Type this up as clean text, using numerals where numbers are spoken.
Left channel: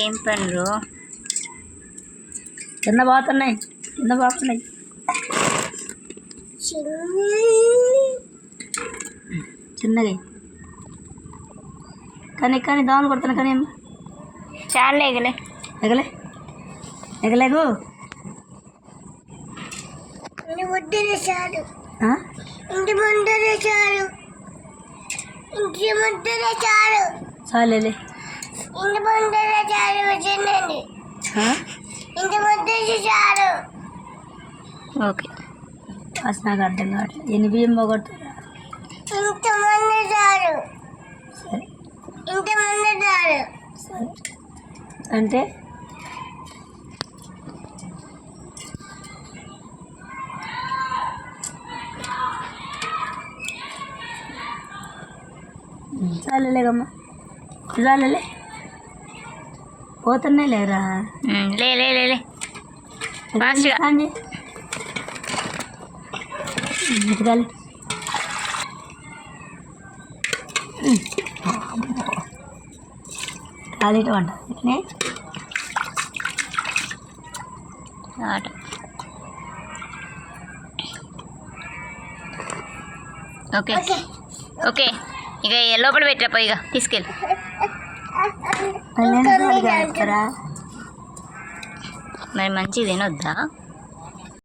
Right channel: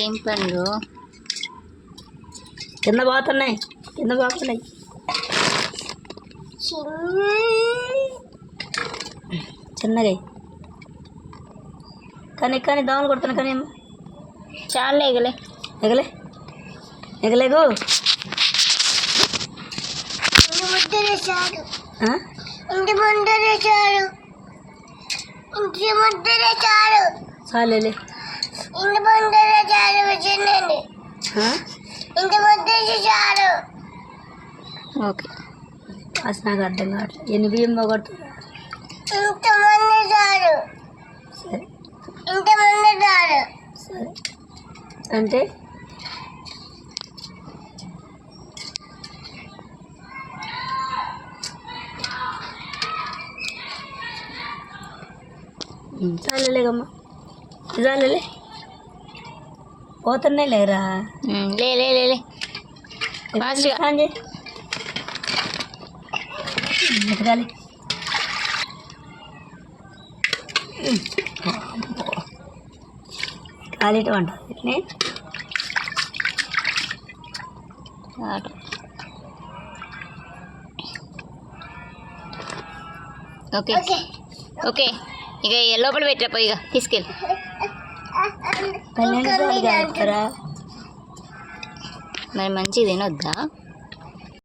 ఏం పండ్రు కింద పోతున్నాయి చిన్నగా కానీ దోమలు కొడుతున్నా కానీ అమ్మ చాలా ఎగలేగు చాలే ఓకే అసలు నాకు అర్థం కావట్లేదు ఎన్ని బియ్యం పోగొట్టు సరే అంటే చాలేగమ్మా చాలే పోతున్నాయి లేరా లే ఫాస్ట్గా ఎతకాలి కాలిటం అంట ఓకే ఓకే ఇక లోపల పెట్టాపో ఇక తీసుకెళ్ళి మరి మంచిది తినొద్దా